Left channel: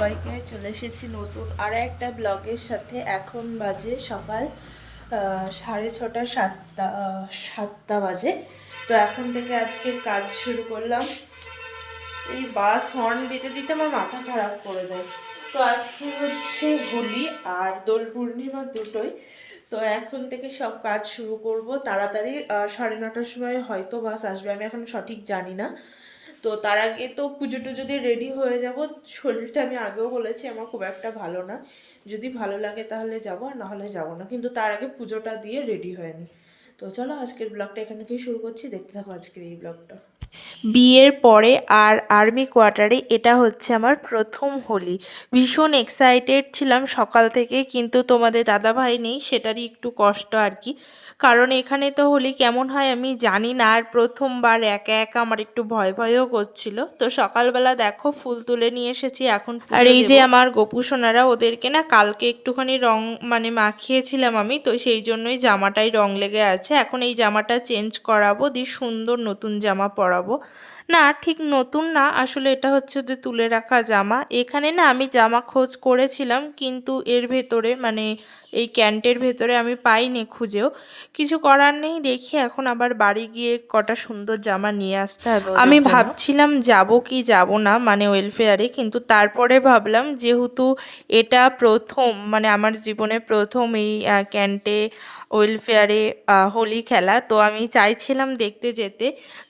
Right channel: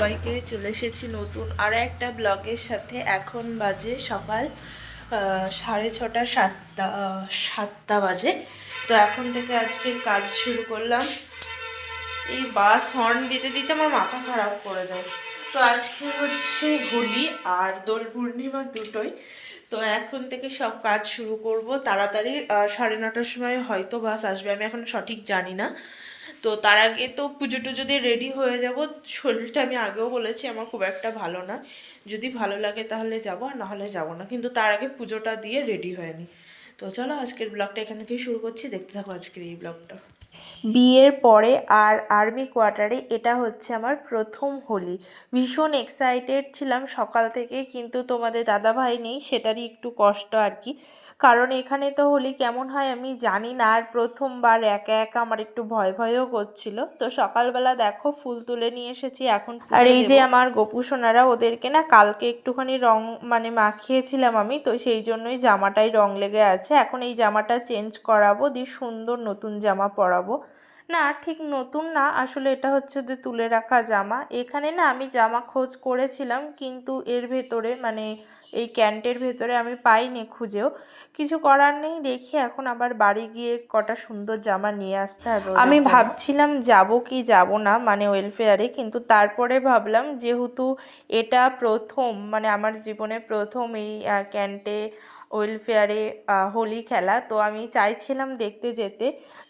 সবাইকে চলে এসেছি নতুন আর একটা ব্লগের সাথে। এখন বাজে সকাল সাড়ে ছটা, সাতটা সাতটা বাজে। তো এখন থেকে আজকের কাজ শুরু করলাম। এই বাস হর্ন দিতে দিতে আমার মাথা খারাপ করে দেয়। তো আজকে হচ্ছে হোলি আর দোল পূর্ণিমা দুটোই। তো এখন থেকে সব কাজ শুরু করব। তাড়াতাড়ি সাড়ে নটার সময় হয়তো বাস আসবে। আমি এখন সঠিক জানি না। তো তার আগে তো পুজো টুজো দিয়ে রেডি হয়ে যাব। শরীরটা আমি আগেও বলেছি, আমার খুব একটা ভালো না। যদি ভালো লাগে তাহলে যাব, আর নাহলে যাব না। কিন্তু তার আগে পুজোটা দিয়ে রেডি হয়ে নি। তো চলো আজকের ব্লগটা এখান থেকেই শুরু করছি। দেখতে থাকো আজকের এই ব্লগটা বিয়ের পরে আর আর্মি কোয়ার্টারে এটা হচ্ছে আমার প্রথম হোলি। ভীষণ এক্সাইটেড ছিলাম সকাল থেকে কিন্তু তোমাদের দাদাভাই নেই সেটারই একটু কষ্ট আর কি। কারণ এখানে তো হোলি কেমন হয় আমি জানি না আর প্রথমবার একা একা আমার একটু ভয় ভয়ও করছিল। তো সকালবেলা দেখো ফুল তুলে নিয়ে এসেছি এখন আর এই যে আমার গোপু সোনারা ওদেরকে না কালকে একটুখানি রং মানে মাখিয়েছিলাম আমি তো সেই জন্যই জামাটাই রং লেগে আছে। এখন এই জামাটা চেঞ্জ করাবো দিয়ে সুন্দর নতুন জামা পরাবো না ঠিক নতুন না। আসলে এটা হচ্ছে যে তুলে রাখা জামা। এখানে না আমি জামা খোঁজ করেছিলাম কিন্তু এর ভেতরে মানে এই ক্যান্টের ভেতরে আমি পাইনি খুঁজেও। কিছু করার নেই দেখি এখন আবার বাড়ি গিয়ে কটা সুন্দর জামা নিয়ে আসতে হবে আমি ভাবছিলাম যাব কি যাব না মানে ওয়েলফেয়ারে কিন্তু তারপরে ভাবলাম যেহেতু এটা প্রথম মানে আমার জীবনে প্রথম এই ক্যান্টে ওয়েলফেয়ারে হোলি খেলা তো আমি চাইছিলাম দেখতে যেতে।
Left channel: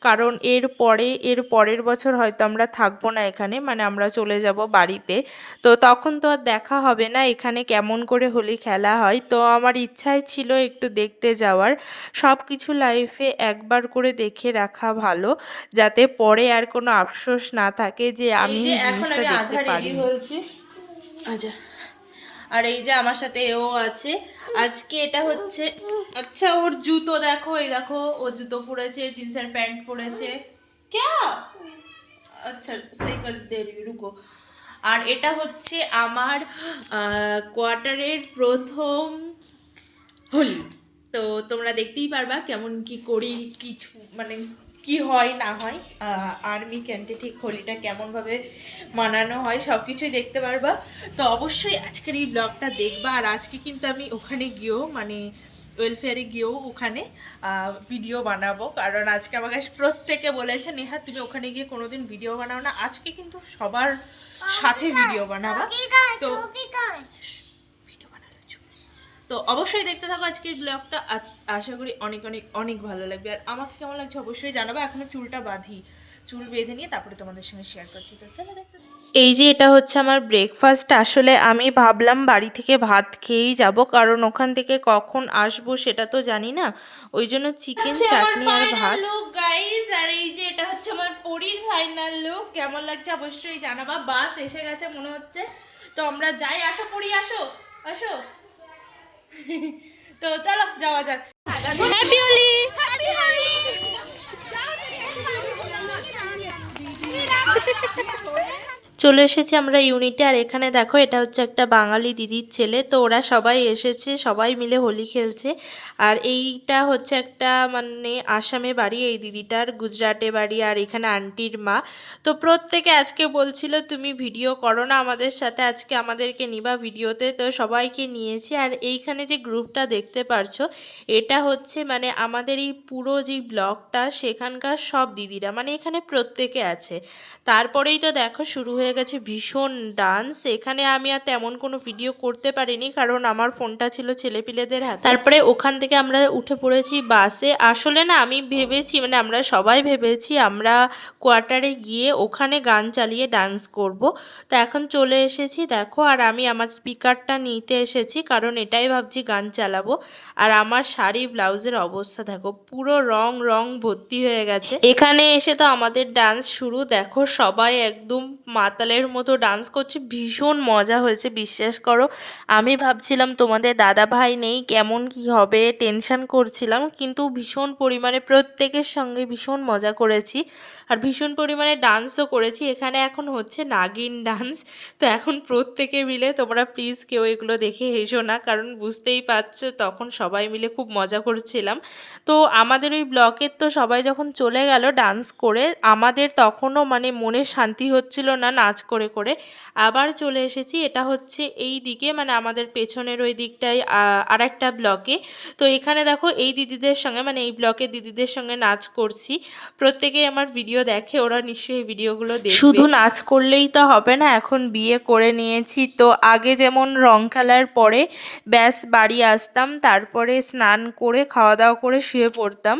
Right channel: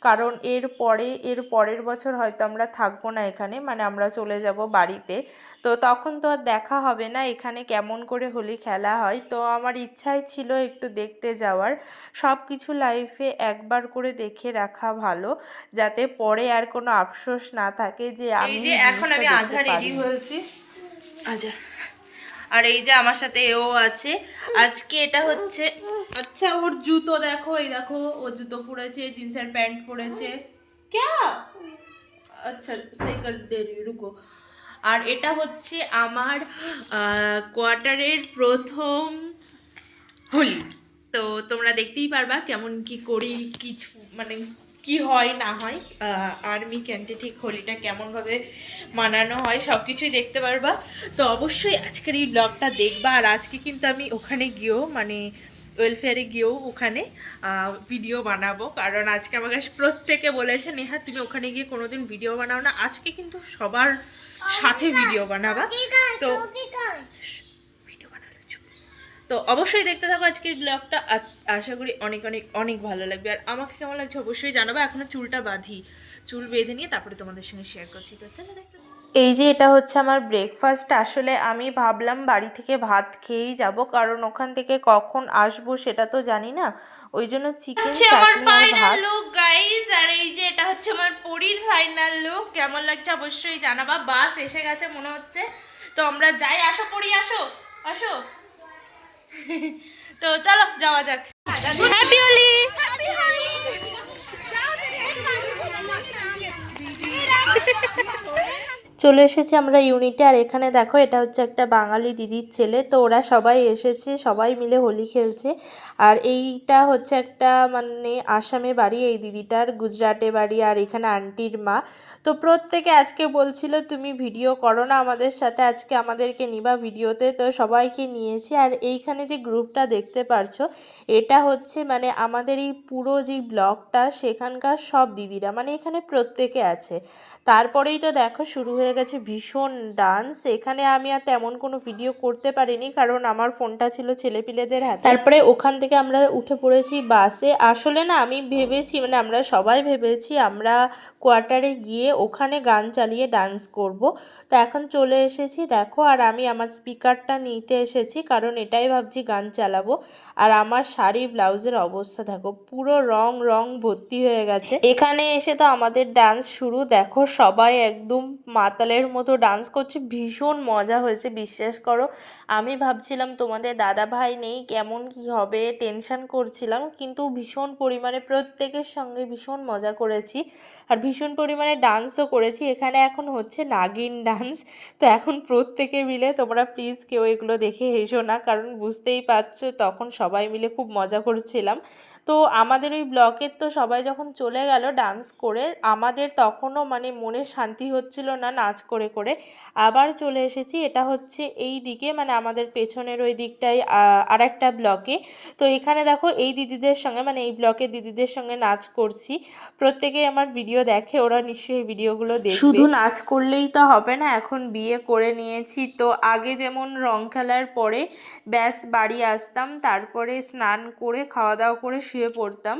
কারণ এর পরে এর পরের বছর হয়তো আমরা থাকব না এখানে মানে আমরা চলে যাব বাড়িতে। তো তখন তো আর দেখা হবে না এখানে কেমন করে হোলি খেলা হয়। তো আমার ইচ্ছাই ছিল একটু দেখতে যাওয়ার। সব কিছু লাইফে একবার করে দেখে রাখা ভালো যাতে পরে আর কোনো আফসোস না থাকে যে আমি এখন আমি আধা রেডি। হয়েছি। আচ্ছা। আর এই যে আমার সাথে এও আছে। আজকে এটা হচ্ছে আচ্ছা ওর জুতো দেখো এই দেখো ও জুতো পরেছে জিন্সের প্যান্ট পরেছে। ক্যা আচ্ছা সেই কর দেরি রুকো আর এটা হচ্ছে আমার কোয়ার্টারের প্রথম হোলি। তো তোমরা দেখতেই পারবা কেমন কি করি, কিছু মানে কি হয়, না হয়। আর্মি ক্যান্টে ঠিক হোলিটা কেমনভাবে মানানো হয় সব কিছুই দেখতে পারবা। তো অবশ্যই আজকের এই ব্লগটা দেখবা। আর আজকে কিন্তু আমি ওখানে গিয়েও মানে ওয়েলফেয়ারে গিয়েও ওখানে ভিডিও বানাবো। কারণ আজকে আমাকে প্রত্যেকে বলেছে নেহা তুমি ওখানে গিয়ে কোনোদিন ভিডিও বানাও না। আজকে কিন্তু সবার সাথে ভিডিও বানাবা। তো। তো অবশ্যই দেখতে থাকো আজকের ব্লগটা আশা করি অনেক অনেক অনেক ভালো লাগবে। আর আমাকে কেমন লাগছে অবশ্যই জানাব। এখনও চুলটা বাঁধি চুল বেঁধে নিয়ে তারপরে তোমাদের সঙ্গে শেয়ার করছি। তো চলো দেখতে। এই যে এটা হচ্ছে আমার ব্রেকফাস্ট আসলে আমি ভাবলাম বাড়ি থেকে ভাত খেয়েই যাব কারণ ওখান থেকে কখন আসব সেটা তো জানি না। ওই জন্য চিকেন ফাইনাল লুক গাইস আর এই যে এটা হচ্ছে আমার পরীর ফাইনাল লুক কেমন লাগছে অবশ্যই জানাবা বাস এসে গেছে মনে হচ্ছে। তো আমরা যাই আসো পড়ি আসো আসো। তো চলো যাওয়া যাক। হ্যাপি হোলি চলে এসেছি আমরা ইউনিটে আর এখানে দেখো, এটা হচ্ছে একটা বাঙালি দিদির ছেলে। তো ওরা সবাই এসেছে, সবাই মিলে হোলি খেলছে। আর এইটা হচ্ছে একটা মানে আসামে বাড়ি, এই দিদিটার গুজরাটে বাড়ি আর এখানে আন্টির মা। তো প্রত্যেকে আজকে বলছিল, তুমি ভিডিও করো না আমাদের সাথে, আজকে আমাদেরকে নিবা ভিডিওতে তো সবাইকে নিয়েছি। আর এইখানে যে গ্রুপটা দেখতে পারছ, এটা হচ্ছে মানে আমাদের এই পুরো যে ব্লগটা সেখানকার সব দিদিরা মানে এখানে প্রত্যেকে আছে। তারপরেই তো দেখো, শুরু হয়ে গেছে ভীষণ ডান্স এখানে আমি আর তেমন কোনো ভিডিও করতে পারিনি, কারণ আমার ফোনটা ছিল ছেলেপিলেদের হাতে। তারপরে ওখান থেকে আমরা উঠে পড়েছি বাসে আসলে না, আমি ভেবেছি মানে আমরা সবাই ভেবেছি আমরা কোয়ার্টারে গিয়ে ওখানে গান চালিয়ে ডান্স করব। তো এখন চলে এসেছি, দেখো, আর আমি আমার স্পিকারটা নিতে এসেছি, কারণ এটাই ভাবছি গান চালাবো। আর আমার শাড়ি, ব্লাউজের অবস্থা, দেখো, পুরো রং রং ভর্তি হয়ে গেছে। এখানে এসে তো আমাদের ডান্স শুরু, দেখো, সবাই একদম মাতালের মতো ডান্স করছে, ভীষণ মজা হয়েছে, বিশ্বাস করো। আমি ভাবছিলাম তোমাদের দাদা ভাই নেই, কেমন কি হবে টেনশান করছিলাম, কিন্তু ভীষণ পরিমাণে প্রত্যেকের সঙ্গে ভীষণ মজা করেছি। আর ভীষণ পরিমাণে ডান্সও করেছি, এখানে এখন হচ্ছে নাগিন ডান্স তো এখন প্রত্যেকে মিলে তোমরা প্লিজ কেউ এগুলো দেখে হেসো না, কারণ বুঝতেই পারছ, তখন সবাই মিলে খুব মজা করছিলাম। তো আমাদের ওই ব্লকের তো সবাই যখন চলে গেল ডান্স করে, আমাদের তখনও মানে মনে শান্তি হচ্ছিল না না নাচ করে করে আবার চলে এসেছি। এটা হচ্ছে এই দিকে মানে আমাদের পেছনের ওই দিকটায় আর একটা ব্লকে। তো এখানে দেখো এই দিদিদের সঙ্গে মানে এই ব্লকের দিদিদের সঙ্গে নাচ করছি। প্রত্যেকেই আমার ভিডিও দেখে, ওরা নিশ্চয়ই ভিডিওগুলো দেখবে। শুধু নাচ করলেই তো হবে না, এখন বিয়ে করে নিয়েছি। তো আগে যেমন রং খেলার পরে ব্যাস বাড়ি আসতাম, তারপরে স্নান করে, খাওয়া দাওয়া করে শুয়ে পড়তাম।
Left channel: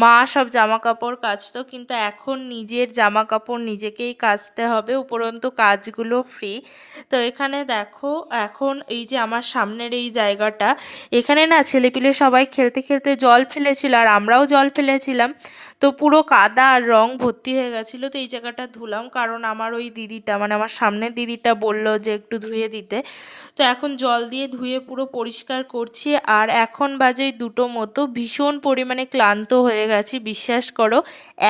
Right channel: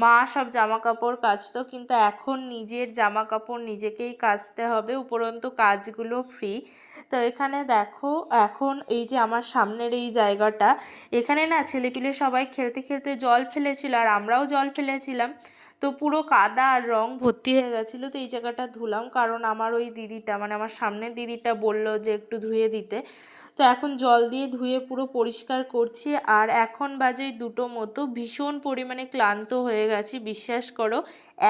মা সব জামা কাপড় কাচতো, কিন্তু এখন নিজের জামা কাপড় নিজেকেই কাচতে হবে। উপরন্তু কাজগুলো ফ্রি তো এখানে দেখো, এখন এই যে আমার সামনের এই জায়গাটা, এখানে না ছেলেপিলে সবাই খেলতে খেলতে জল ফেলেছিল আর আমরাও জল ফেলেছিলাম। তো পুরো কাদা আর রং ভর্তি হয়ে গেছিল তো এই জায়গাটা ধুলাম। কারণ আমার ওই দিদিটা মানে আমার সামনের দিদিটা বলল যে একটু ধুয়ে দিতে। তো এখন জল দিয়ে ধুয়ে পুরো পরিষ্কার করছি। আর এখন বাজে দুটো মতো। ভীষণ পরিমাণে ক্লান্ত হয়ে গেছি বিশ্বাস করো।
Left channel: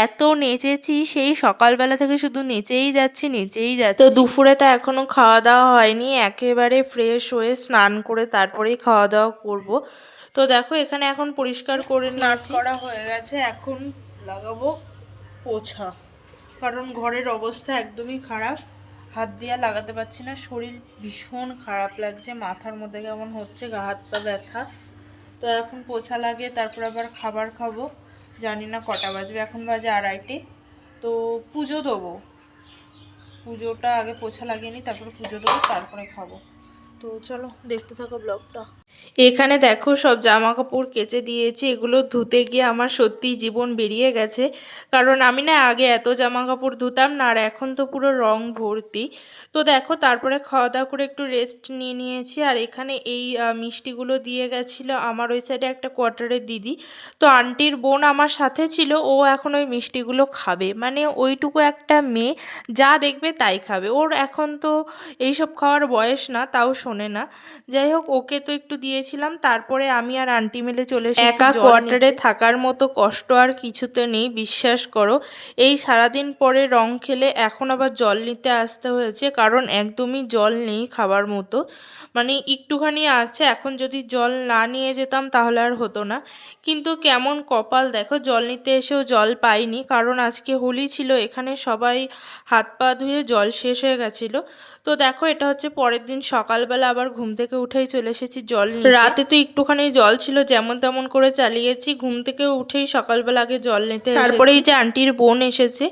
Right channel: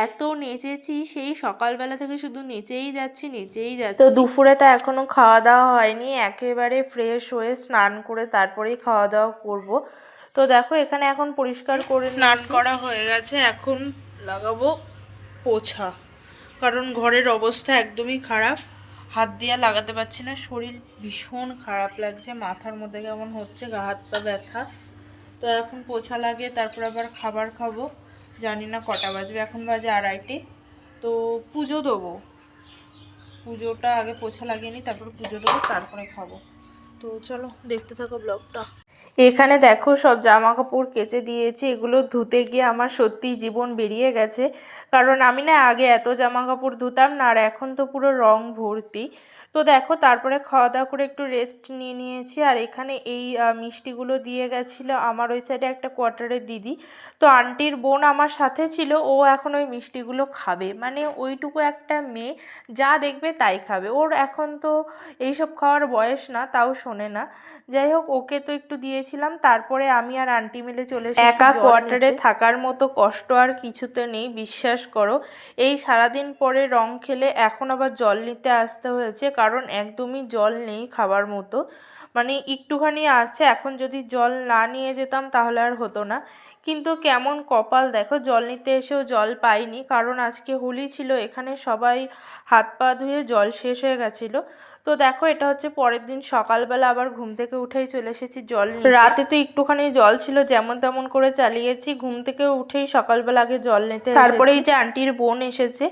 এত নেচেছি সেই সকালবেলা থেকে শুধু নেচেই যাচ্ছি নেচেই যাচ্ছি। তো দুপুরে তো এখনও খাওয়া দাওয়া হয়নি। একেবারে ফ্রেশ হয়ে স্নান করে তারপরেই খাওয়া দাওয়া করব। তো দেখো এখানে এখন পরিষ্কার করে স্নান করা হয়ে গেছে। এখন লাগাবো পোছা। কারণ ঘরের অবস্থা একদমই খারাপ। হাত দিয়ে লাগাতে পারছি না। শরীর ভীষণ খারাপ লাগছে। মাথার মধ্যে কেমন হচ্ছে? গা, হাত পা ব্যথা। তো এখন পোছা লাগে তারপর আবার খাবার খাব। জানি না কটা বাজবে। এখন বাজে আড়াইটে। তো পুজো দেবো। পুজোটা আগে পোছা লাগিয়ে নিই, তারপর পুজো দেবো, তারপরে খাব। তো চলো, দেখতে থাকো ব্লগটা। এখানে দেখো সব জামা কাপড় কেচে দিয়েছি, এগুলো ধুতে গিয়ে আমার সত্যিই জীবন বেরিয়ে গেছে। কারণ আমি না আগে এত জামা কাপড় ধুতাম না, আর এখন তো পুরো রং ভর্তি। তো দেখো তারপরে খাওয়া দাওয়া করে একটু রেস্ট নিয়ে নিয়েছি, আর এখানে এই মিষ্টিগুলো দিয়ে গেছিল আমার ওই সাইডে একটা কোয়ার্টারের দিদি। তো আন্টির বোন আমার সাথে ছিল, ও এখন ওই মিষ্টিগুলো খাবে। মানে ওইটুকু একটা মেয়ে, যা দেখবে তাই খাবে। ওর এখন তো এইসব খাওয়ার বয়স না, তাও শোনে না। যাই হোক, ওকে তো একটু দিয়েছিলাম তারপরে আমি আর আন্টি মিলে চলে এসেছি একা কোয়ার্টারে থাকার মতো কষ্ট আর কিছুতে নেই বিশ্বাস করো। এই সারাদিন পরে রং খেলে এখন আবার জল নিতে আসতে হয়েছে কারণ একদমই জল নেই খাবার মতো। মানে একটুখানি আছে এখন যদি জল না নিয়ে যেতাম তাহলে আর হতো না। কিন্তু কেমন কপাল দেখো জল নিতে এসেও জল পাইনি কারণ আজকে হোলি ছিল এখানে সবাই হাত পা ধুয়ে জল শেষ হয়ে গেছিল। তো দেখো এটা হচ্ছে পরের দিন সকালবেলা আবার ঘুম থেকে উঠেই চলে এসেছি জল নিতে। রাতে তো একটুখানি জল ছিল, যেমন তেমন করে চালিয়েছি। ঘুম থেকে উঠেই সকালবেলা আগে জল নিতে তারপরে এই যে আন্টির বোন এসেছে,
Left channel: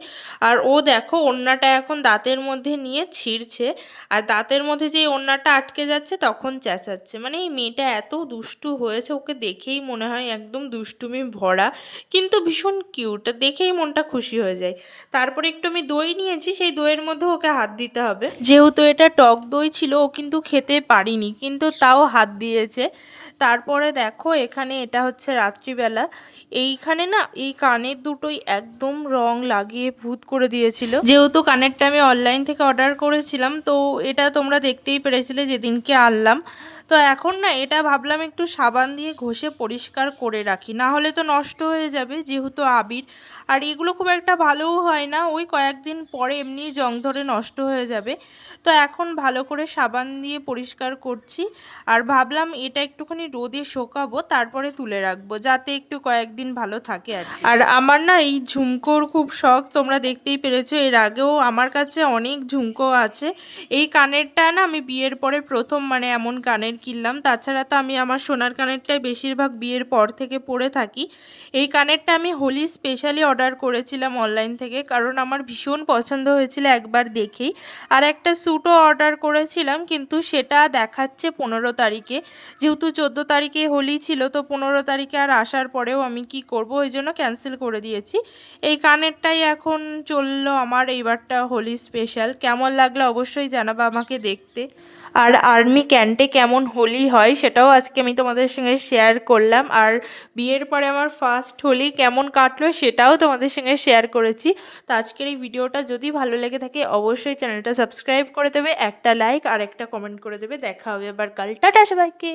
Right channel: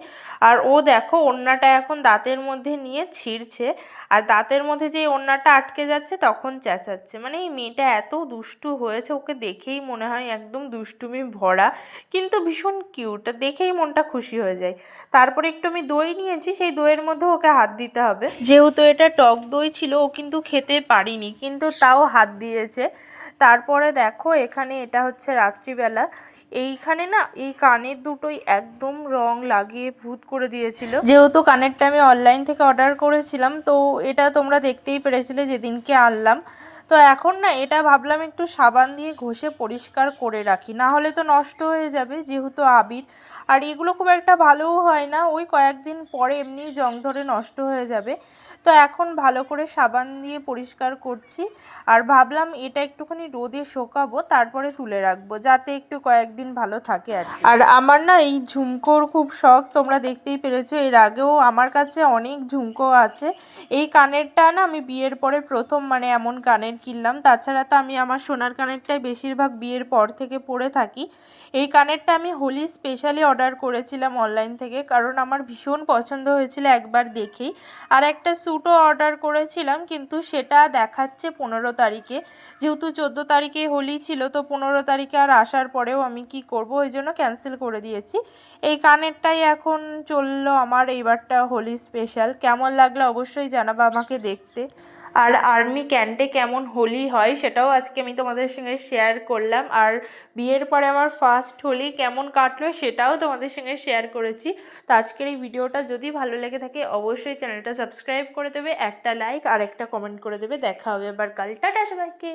আর ও দেখো ওড়নাটা এখন দাঁতের মধ্যে নিয়ে ছিঁড়ছে, আর দাঁতের মধ্যে যে ওড়নাটা আটকে যাচ্ছে তখন চেঁচাচ্ছে। মানে এই মেয়েটা এত দুষ্টু হয়েছে, ওকে দেখেই মনে হয় একদম দুষ্টুমি ভরা, কিন্তু ভীষণ কিউট, দেখেই মনটা খুশি হয়ে যায়। তারপরে একটু আমি দই নিয়েছি, সেই দইয়ের মধ্যে ওকে হাত দিতে হবে। যেহেতু এটা টক দই ছিল, ও কিন্তু খেতে পারিনি, কিন্তু তাও হাত দিয়েছে। তারপরে দেখো এখানে এটা হচ্ছে রাত্রিবেলা। এইখানে না এই কানের দুটোই একদম রং লাগিয়ে ভূত করে দিয়েছিল। যেহেতু কানেরটা আমি অনলাইন থেকে অর্ডার করেছিলাম, তো এটা তোমরা দেখতেই পেরেছিলে যেদিনকে আনলাম। তো এখন না এটা ভাবলাম একটু সাবান দিয়ে ঘষে পরিষ্কার করে রাখি, না হলে তো নষ্ট হয়ে যাবে যেহেতু আবির। আর এগুলো খুব একটা ভালোও হয় না, ওই কয়েকদিন পরে এমনি জং ধরে নষ্ট হয়ে যাবে। তো এখন ভালো করে সাবান দিয়ে পরিষ্কার করছি। আর ভাবলাম এটা একটুখানি রোদে শোকাবো, তারপরে তুলে রাখব, যাতে একটু কয়েকদিন ভালো থাকে আর আর আমার না এই ঝুমকোর খুব শখ, তোমরা দেখতেই পেরেছ, এর আগেও আমার কাছে অনেক ঝুমকো আছে। এই কানেরটা না আমি বিয়ের পরে প্রথম মানে এমন কানের কিনলাম, তাছাড়া তো আমি আমার সোনার কানেরটাই বেশিরভাগ বিয়ের পর থেকে পরে থাকি। এই কানেরটা আমি হোলি স্পেশালি অর্ডার করেছিলাম অনলাইন থেকে, কারণ আমার ভীষণ পছন্দ হয়েছিল একবার দেখেই। আর একটা স্যুটও অর্ডার করেছিলাম, কিন্তু সেটা দেখাচ্ছে পনেরো তারিখে। যেহেতু চোদ্দ তারিখে হোলি ছিল, তো পনেরো তারিখে আর আসার পরেও আমি কি করব, ওই জন্য ক্যান্সেল করে দিয়েছি। এই কানেরটাই এখন চলল আমার, এইবারটা হোলি স্পেশাল কেমন লাগল অবশ্যই জানাব আমাকে দেখতে। আর আর্মি ক্যান্টে কেমন হোলি হয় সেটাও আজকে আমি তোমাদের সঙ্গে শেয়ার করলাম। আর বিয়ের পরে আমার ফার্স্ট হোলি কেমন কাটলো সেটাও তোমাদের সঙ্গে শেয়ার করেছি। তো আজকের এই ভিডিওটা যদি ভালো লেগে থাকে অবশ্যই চ্যানেলটা সাবস্ক্রাইব করে দেবে, একটা লাইক আর একটা কমেন্ট করে দেবে। দেখা হবে এবার কাল। টাটা সবাইকে!